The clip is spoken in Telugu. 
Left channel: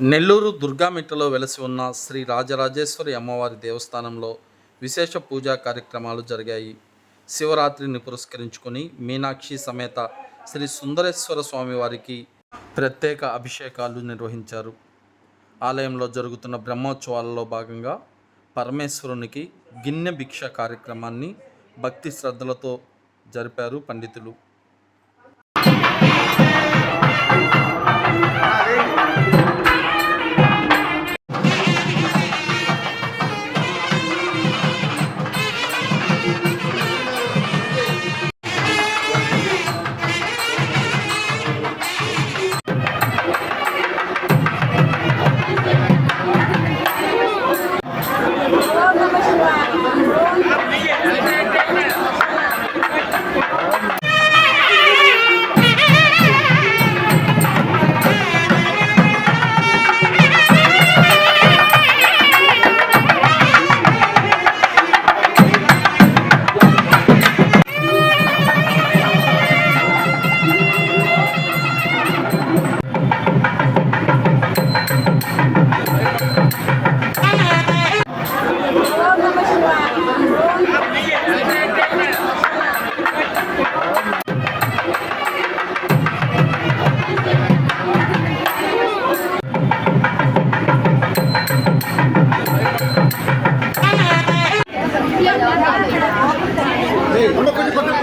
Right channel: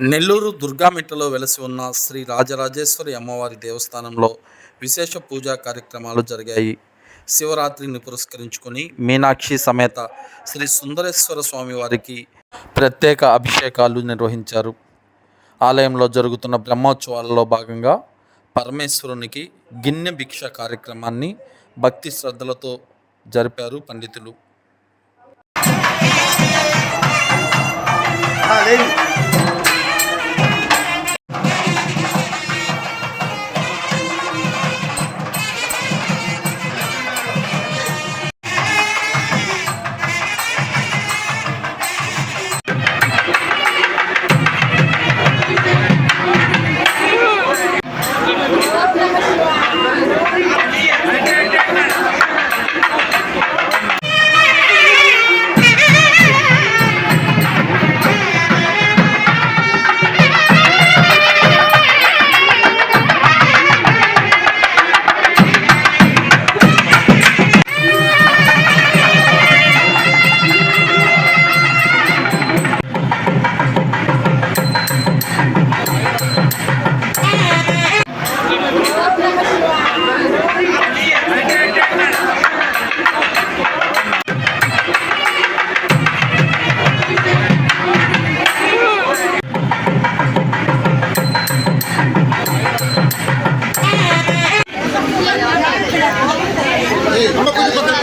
నెల్లూరు దుర్గామిట్టలో వెలసి ఉన్న శ్రీ రాజరాజేశ్వరి అమ్మవారి దేవస్థానంలో విశేష పూజా కార్యక్రమాలు జరిగాయి. శివరాత్రిని పురస్కరించుకొని మీనాక్షి సమేత శ్రీ సుందరేశ్వర స్వామివారికి ప్రత్యేక అభిషేకాలు నిర్వహించారు. ఆలయంలో జరుగుతున్న బ్రహ్మోత్సవాలలో భాగంగా పరమేశ్వరునికి గిన్నె భిక్ష కార్యక్రమాన్ని భక్తి శ్రద్ధలతో జరిపారు పండితులు. Hey, no, no, no, no,